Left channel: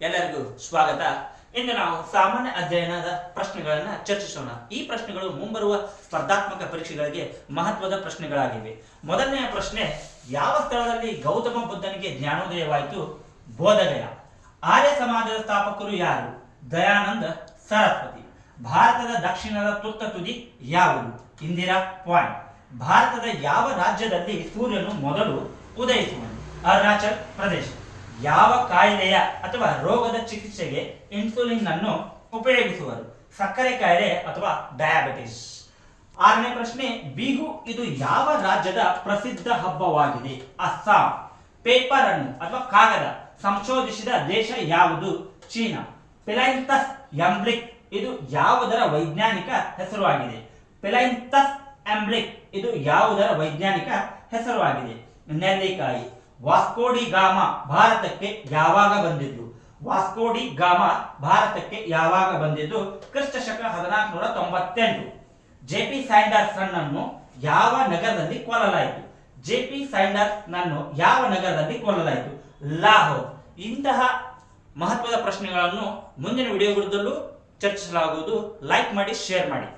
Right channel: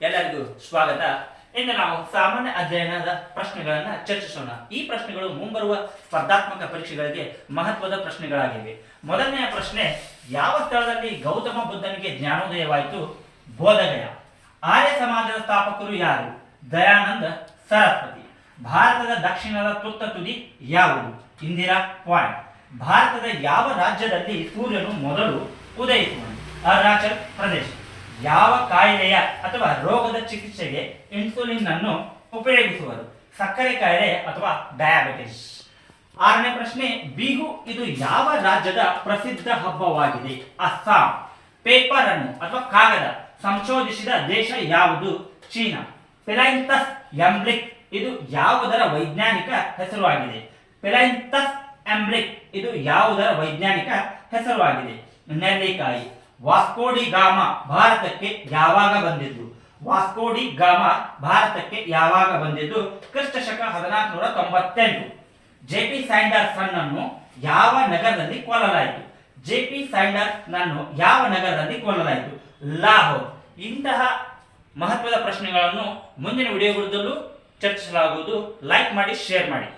ಎಲ್ಲರಿಗೂ ಸ್ವಾಗತ. ಇಂದು ನಾವು ಸಾಮಾನ್ಯ ಅಧ್ಯಯನದ ಪ್ರಶ್ನೆಗಳನ್ನು ಚರ್ಚಿಸೋಣ. ಈ ಪ್ರಶ್ನೆಗಳು ಮುಂಬರುವ ಸ್ಪರ್ಧಾತ್ಮಕ ಪರೀಕ್ಷೆಗಳಿಗೆ ಮಹತ್ವದ ಪ್ರಶ್ನೆಗಳಾಗಿವೆ. ಮೊದಲನೆಯ ಪ್ರಶ್ನೆ, ಯಾವ ಸ್ಥಳದಲ್ಲಿ ಗೌತಮ ಬುದ್ಧನಿಗೆ ಜ್ಞಾನೋದಯವಾಯಿತು? ಬೋಧಗಯ. ಆರ್ಯ ಸಮಾಜದ ಸ್ಥಾಪಕರು ಯಾರು? ದಯಾನಂದ ಸರಸ್ವತಿ. ಭಾರತದ ದಕ್ಷಿಣದ ತುತ್ತ ತುದಿ ಯಾವುದು? ಇಂದಿರಾ ಪಾಯಿಂಟ್. ಭಾರತದ ಯಾವ ರಾಜ್ಯದಲ್ಲಿ ಸೂರ್ಯನು ಮೊದಲು ಉದಯಿಸುವನು? ಅರುಣಾಚಲ್ ಪ್ರದೇಶ. ಯಾವ ಕಾಯಿಲೆಯ ಅಥವಾ ರೋಗದ ಚಿಕಿತ್ಸೆಗೆ ಇನ್ಸುಲಿನ್ ಅನ್ನು ಉಪಯೋಗಿಸುವರು? ಸಕ್ಕರೆ ಕಾಯಿಲೆ ಅಥವಾ ಡಯಾಬಿಟಿಸ್. ಆರನೇ ಪ್ರಶ್ನೆ, ಬಿಹು ಇದು ಯಾವ ರಾಜ್ಯದ ಪ್ರಸಿದ್ಧ ಹಬ್ಬವಾಗಿದೆ? ಅಸ್ಸಾಂ. ಪೇಪರ್ ಅನ್ನು ಅಥವಾ ಕಾಗದ ಸಂಶೋಧಿಸಿದ ದೇಶ ಯಾವುದು? ಚೀನಾ. ಫಿಲೈಂಥಸ್ ಎಂಬ್ಲಿಕ್ ಇದು ಯಾವುದರ ವೈಜ್ಞಾನಿಕ ಹೆಸರುವಾಗಿದೆ? ಫಿಲೈಂಥಸ್ ಎಂಬ್ಲಿಕ್ ಇದು ಯಾವುದರ ವೈಜ್ಞಾನಿಕ ಹೆಸರುವಾಗಿದೆ? ನೆಲ್ಲಿಕಾಯಿ. ವಾಸ್ಕೋಡಿ ಗಾಮ ಭಾರತಕ್ಕೆ ಯಾವಾಗ ಬಂದಿದ್ದು? ವಾಸ್ಕೋಡಿ ಗಾಮ ಭಾರತಕ್ಕೆ ಯಾವಾಗ ಬಂದಿದ್ದು? ಕ್ರಿಸ್ತಶಕ 1498. ಜೆಪಿ ಸ್ಯಾಂಡರ್ಸನ್ ಅನ್ನು ಯಾವ ನಗರದಲ್ಲಿ ಕೊಲ್ಲಲಾಯಿತು? ಜೆಪಿ ಸ್ಯಾಂಡರ್ಸ್ ನನ್ನು ಯಾವ ನಗರದಲ್ಲಿ ಕೊಲ್ಲಲಾಯಿತು? ಲಾಹೋರ್. ಇಂತಹ ಮಹತ್ವದ ಪ್ರಶ್ನೆಗಳನ್ನು ಮುಂದಿನ ವಿಡಿಯೋಗಳಲ್ಲೂ ಚರ್ಚಿಸಲಾಗುವುದು. ಲೈಕ್ ಮಾಡಿ, ಶೇರ್ ಮಾಡಿ.